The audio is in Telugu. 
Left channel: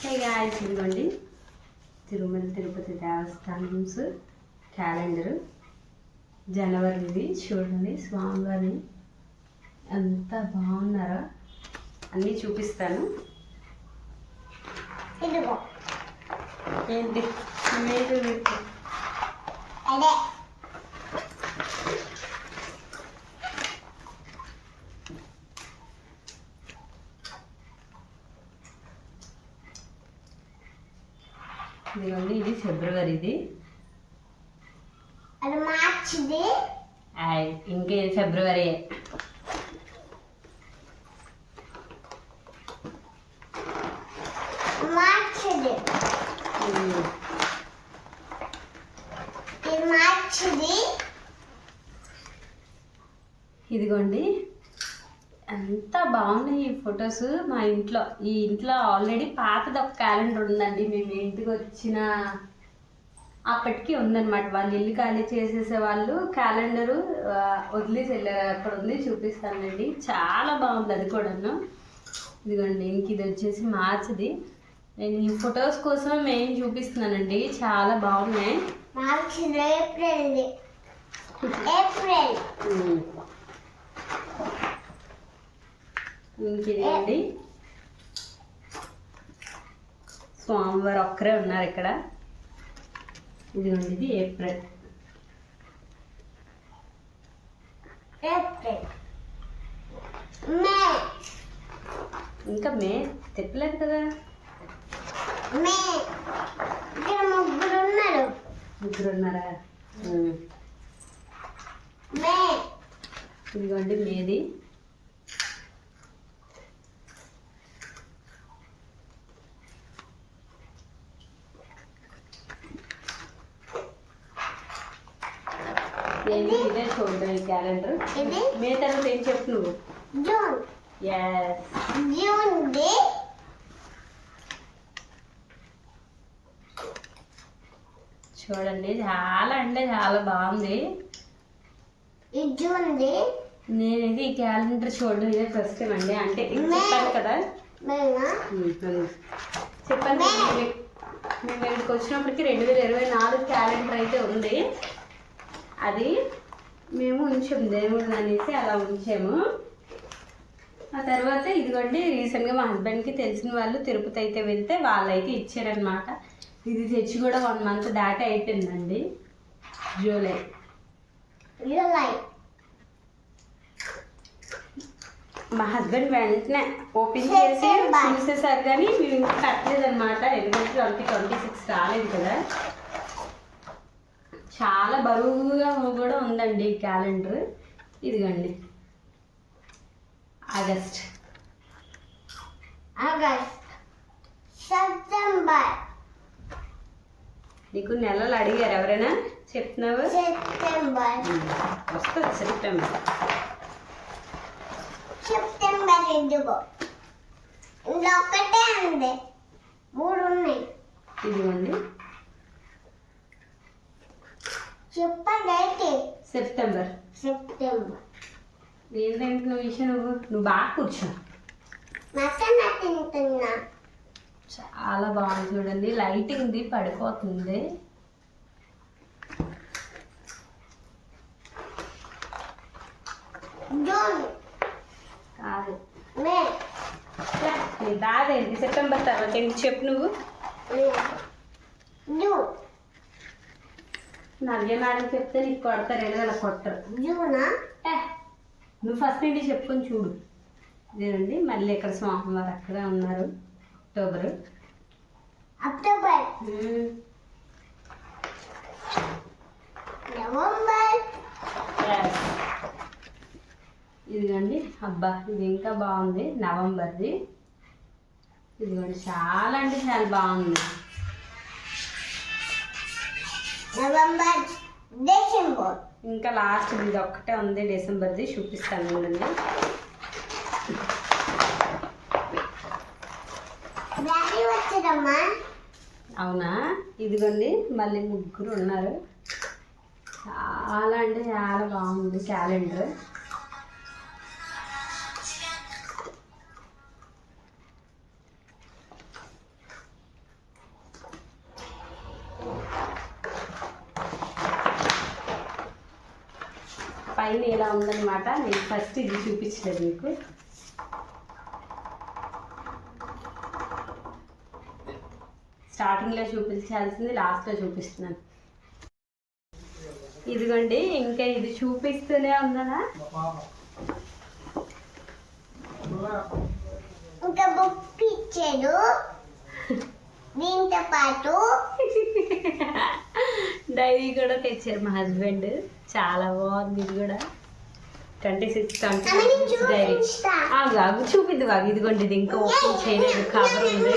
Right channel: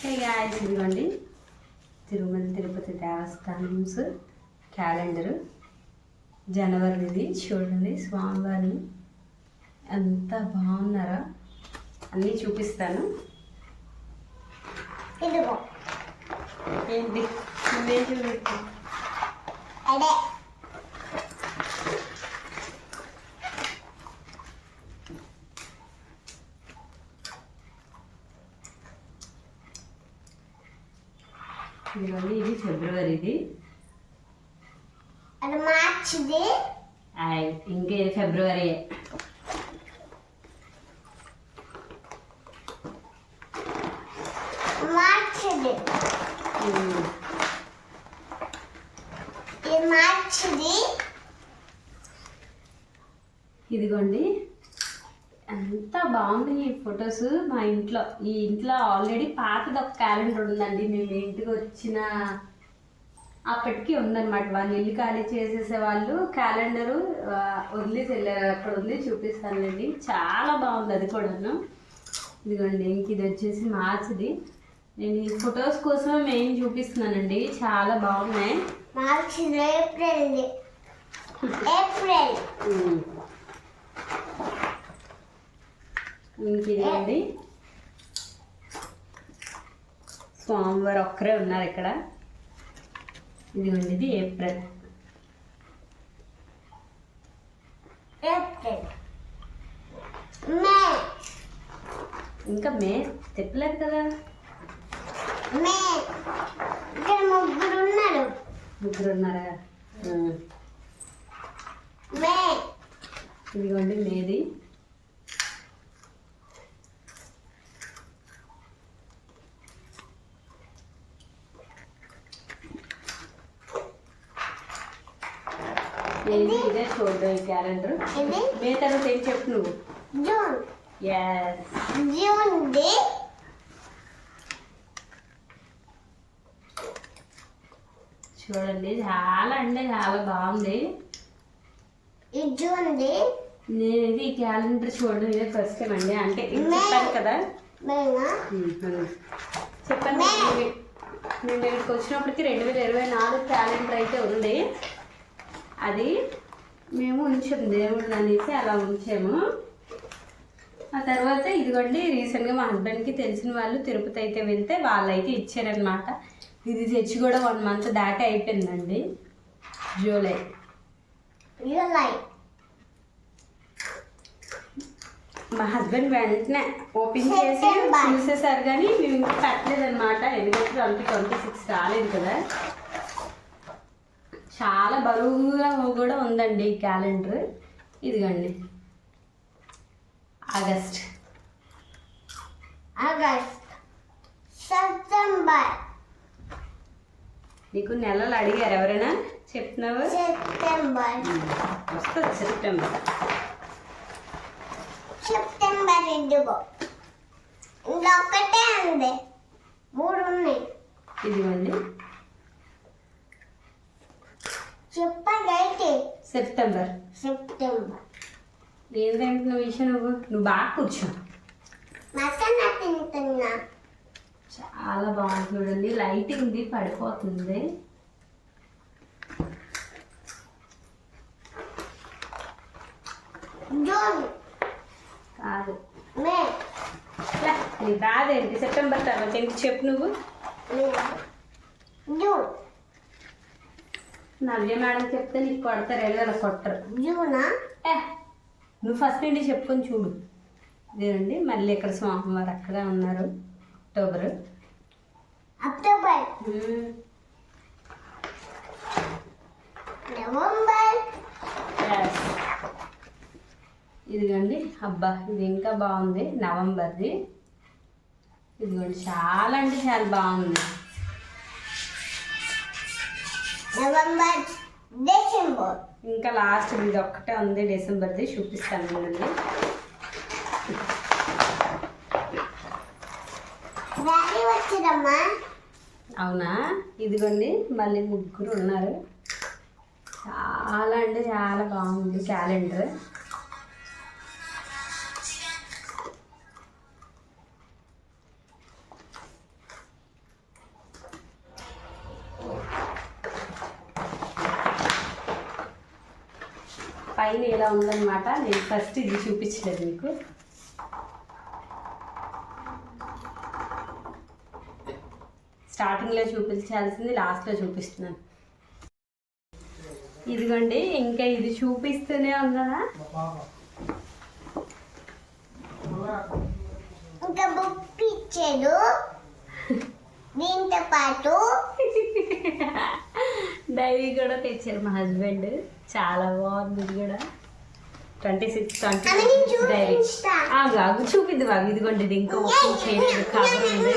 హే గాయ్స్, ఇదిగోండి తిరుమల తిరుపతి దేవస్థానమ్స్ క్యాలెండరు జనవరిది. చూడండి స్వామివారిని ఎంత బాగున్నారో అన్నీ చూపిస్తాను. ఏంటి నువ్వే చూపిస్తా? ఇదిగోండి, ఇది ఫిబ్రవరిది, అది మార్చిది, ఇంకే ఫిబ్రవరి. మార్చిది, ఇది మార్చిది. ఇదిగోండి ఎంత బాగున్నాయి ఈ ఫొటోస్. మా ఇంట్లో ఈ ఇంట్లో ఆల్రెడీ పాతది ఒక క్యాలెండర్ ఉందండి. మేము ఇంటికి వచ్చిన అప్పటికి ఉందన్నమాట. వాళ్ళు ఇల్లు ఖాళీ చేసేసే వాళ్ళు క్యాలెండరు వదిలేసి వెళ్ళారు. అక్కడ ఉంది, చూపిస్తానండి. చాలా బాగుంది అది కూడాను. ఇదిగోండి, ఇంక ఇది వచ్చేసి మార్చిది. నేను ఈ ఫొటోస్ కోసం మేము చూపిస్తున్నానండి, చాలా బాగున్నాయి. మార్చి ఏప్రిల్ ఇంకిదిగోండి, స్వామివారు ఒక్కరే ఉన్నారు ఇక్కడ. ఇదిగోండి, ఇది ఏప్రిల్. మే, ఇంకా మే తిప్పలేదు కదా. మే ఇక్కడ ముగ్గురు ఉన్నారా? మే, ఇదిగోండి మేది. ఇదే చూడండి ఈ క్యాలెండర్. మే తర్వాత ఏం చెప్పు నువ్వు? జూన్. జూన్ ది చూడండి, చాలా అంటే చాలా బాగుంది. ఈ జూన్ ది నేను ఇది ఈ క్యాలెండర్ చూడడం ఇదే ఫస్ట్ టైం అండి. అంటే చెప్పాను కదా, చెప్పాను మేము ఇక్కడికి వచ్చినప్పటికి 2024 క్యాలెండర్ అయితే ఉంది. అది మేము ఉంచాము, దేవుడు అనేసి అలా ఉంచాము. ఆ తర్వాత ఇదిగోండి, రీసెంట్గా మా హస్బెండ్కి తెలిసిన వాళ్ళు తిరుపతి అయితే వెళ్తే వాళ్ళైతే ఇచ్చారనమాట. ఇది తెచ్చి కూడా 1 మంత్ దాటి అయిపోయిందండి. జూలై మా హస్బెండ్ వెంటనే ఓపెన్ చేసి చూసేసారు, కానీ మేము ఇంకా పెట్టలేదు అనమాట. ఎందుకంటే 2026 రాలేదు కదా. చాలా బరువుగా కూడా ఉందండి ఈ క్యాలెండర్. ఇదిగోండి, ఆగస్ట్, సెప్టెంబర్. నీకు నెలలు అడిగారు ఎవరైనా? చెప్తున్నావు? వస్తుంది సెప్టెంబర్. ఇదిగో ఇంకొకటే ఉంది, 3 ఉన్నాయి. ఇదిగోండి, చెప్పండి. సెప్టెంబర్. ఏంటంటే విషయం, నువ్వు బాగా కూర్చో. తింటున్నా. చాలా బాగుంది చూడండి, లైటింగ్ ది పడిపోతుంది. జూన్ కాదు, మే. నీ బాధేంటి? సెప్టెంబర్ తర్వాత ఏంటి చెప్పు నువ్వు? జూన్. నవ్య మేడం చెప్తే నీకు కొడతారు, ఎలా కొట్టరు. జూనా? నువ్వు ఫస్ట్ నుండి చెప్పుకొని చూడు. ఇదేనండి, మళ్ళీ ఇక్కడ స్వామివారు అక్కడే ఉన్నారు. October, November. ఇదిగోండి, అబ్బా ఇది ఇంకా బాగుంది, నవంబర్ది. ఇదిగోండి, చాలా అంటే చాలా బాగుంది. November, December. ఇంకా లాస్ట్ ఇది ఒక్కటే ఉంది, డిసెంబర్ది. చూపిస్తాను ఉండండి. అవునా? ఇదిగోండి, మళ్ళీ 3 ఉన్నారు. చాలా అంటే చాలా బాగుంది క్యాలెండర్. పైన ఇలా ఉందన్నమాట. నేను ఫస్ట్ ఇది చూపించలేదు మీకు. స్టార్టింగ్లో చూపించాల్సింది లాస్ట్లో చూపిస్తున్నాను. ఇదిగోండి, ఇంకా ఇది చూపిస్తూనే ఉన్నానా. ఇంకా బుక్ ఇచ్చాడు దీంతో పాటు డైరీ కూడా తెచ్చారు మా హస్బెండ్. చాలా బాగుంది ఇది కూడా. 26 డైరీ. చూపిద్దు బాగా. ఇదిగోండి, ఇది ఇంకా ఓపెన్ చేయలేదు, కవర్ ఉంది.